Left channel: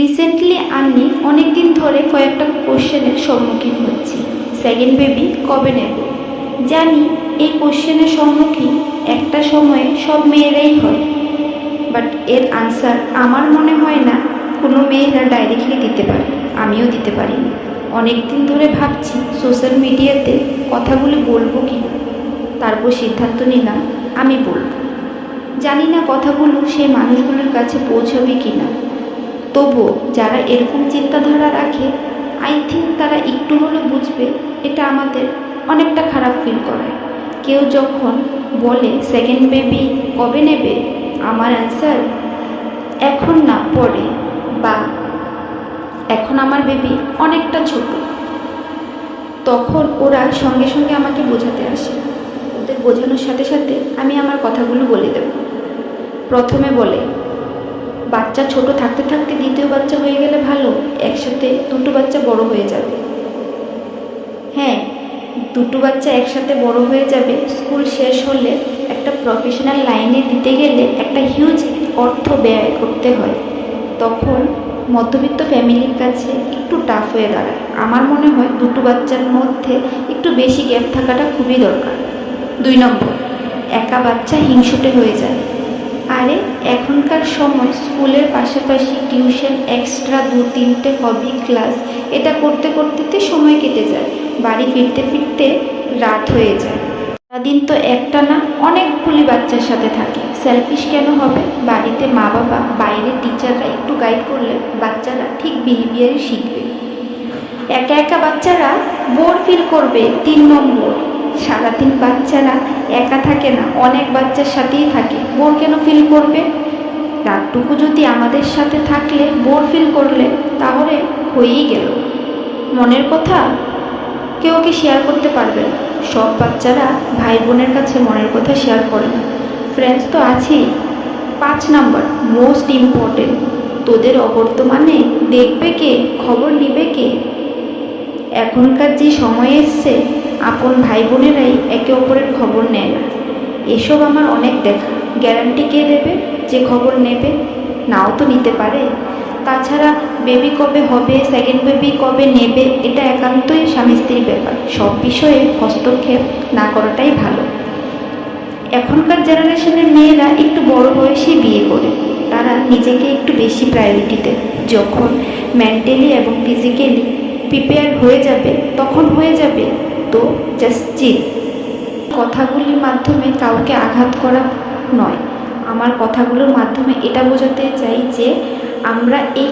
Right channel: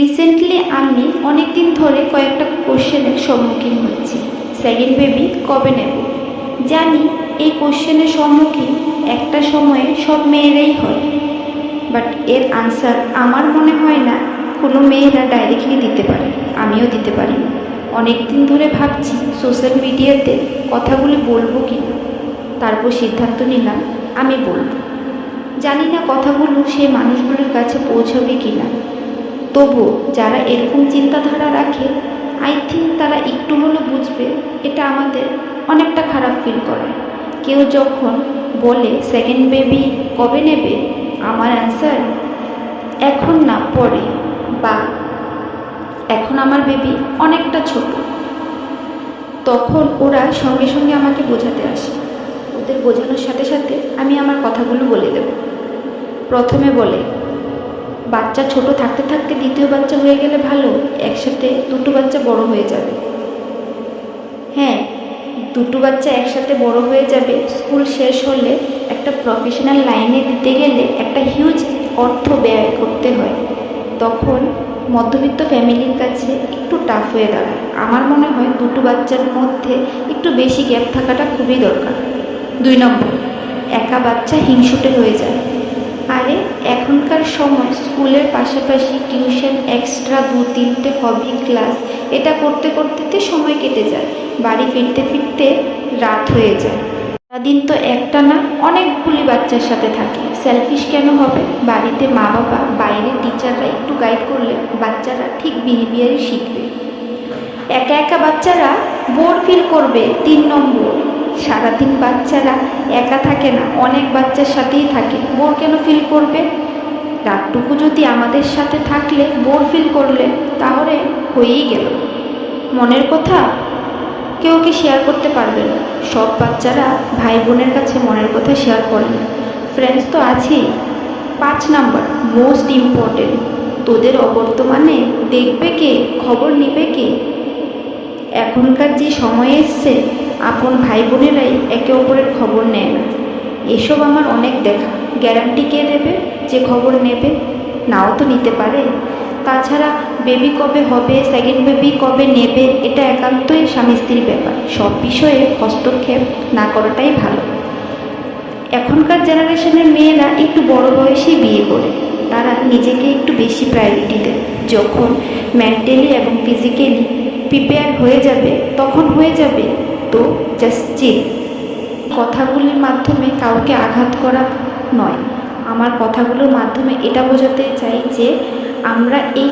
Recently আমি অনেক দিন ধরে কয়েকটা কোশ্চেনের সম্মুখীন হচ্ছি। সেকেন্ড বেবি কবে নেব? জানি এই কোশ্চেনের সম্মুখীন একটা সময়ে সব মেয়েরাই হয়, বাট এর আনসার আমার মনে হয় না কোনো মেয়েরা ডাইরেক্টলি দিতে পারে। আমিও দিতে পারিনি। অনেক দিন ধরে ভাবছি সোশ্যাল মিডিয়াতে কথাগুলি বলবো কি না, তারপর সিদ্ধান্ত নিলাম আমি বলবো। জানি না কথাগুলো সেই মানুষগুলোর কাছে পৌঁছবে কি না, তবুও যারা এরকম চিন্তাধারা রাখে আই থিঙ্ক তারা একটু হলেও বুঝবে এটা আমাদের অনেকটা খারাপ ফিল করায়। কেউ যখন বলে সেকেন্ড বেবি কবে নেবে, আমার অ্যান্সার এখন না, পরে, বা এখন আমার বেবি অনেকটা ছোট। তখন ওরা সঙ্গে সঙ্গে আমাকে বোঝাতে আসে। ওদের বোঝানোর সাথে সাথে আমি আমার কথাগুলো বলে দেব। প্রথমে বলে বাচ্চা ছোট থাকতে থাকতে দ্বিতীয় বাচ্চা হয়ে গেলে ভালো, একসাথে দুটো বাচ্চা বড় হয়ে যাবে। হ্যাঁ, দুটো বাচ্চা একসাথে বড় হয়ে যাবে। স্কুল শেষ হলে একটা প্রফেশনাল লাইনে দিতে গেলে একটা হিউজ অর্থ ব্যয় করতে হয়, তখন মধ্যবিত্ত ফ্যামিলির কাছে একটু টাফ হয়ে দাঁড়ায়। আমার মনে হয় দুটো বাচ্চার মধ্যে একটু বেশি গ্যাপ থাকাটা খুবই দরকার। 2 নম্বর, একা বাচ্চা হিংসুটে হয়ে যায়। আরে এখনকার সময় স্কুলের পাশাপাশি টিউশন, এক্সট্রা 2-3টে হবি ক্লাস, এটা করতে করতে সময় কেটে যায়। বাড়ি ফিরতে ফিরতে রাত হয়ে যায়। সারাদিন তো একটা না অনেকগুলি বাচ্চার সাথে থাকে। সেলফিশ কেন হবে? বাড়িতে মা বাবা, বাইরের টিচাররা একটু গাইড করলে বাচ্চারা ঠিক বিহেভিয়ারই শিখবে। একা একা বাচ্চারা বোর ফিল করবে। 3 নম্বর, সারাদিন বাচ্চারা একা থাকে না, অনেক বাচ্চার সাথেই থাকে। বোর কেন ফিল করবে? রাতটুকু যদি আমাদের সাথে থাকলে বোর ফিল করলে, তাহলে হয়েই গেল। মনের কথা কেউ শেয়ার করতে পারবে না। সব বাচ্চারা ভাই বোনের কাছে মনের কথা শেয়ার করে না। ফ্রেন্ডস তো আছেই। 5 নাম্বার, মোস্ট ইম্পর্টেন্ট, তোদের অবর্তমানে দেখবে কে, খবর নেবে কে? এখনকার যে সময় এসছে, আপন ভাই বোনেরাই একে অপরের খবর নেয় না। এসব আমার অনেক দেখা। গ্যারান্টি কে দেবে যে খবর নেবে? নাও তো নিতে পারে। তাছাড়া বেবি কবে হবে, সেকেন্ড বেবি কবে নেবে, এটা একান্তই স্বামী স্ত্রীর ব্যাপার। সব বিষয়ে হস্তক্ষেপ না করাটাই ভালো। এখনকার জেনারেশনের মেয়েরা একটু বড় বয়সেই বিয়ে করে। তারা নিজেকে একটু বেশি প্রায়োরিটি দেয়। যখন মেন্টালি এবং ফিজিক্যালি প্রিপেয়ার হয়ে যাবে তখন হয়ে যাবে। তো জাস্ট চিল। কথাগুলির মাধ্যমে কাউকে আঘাত করা নয়, আমার কথাগুলোর মাধ্যমে এটা বোঝাতে চাই যে আমরা এই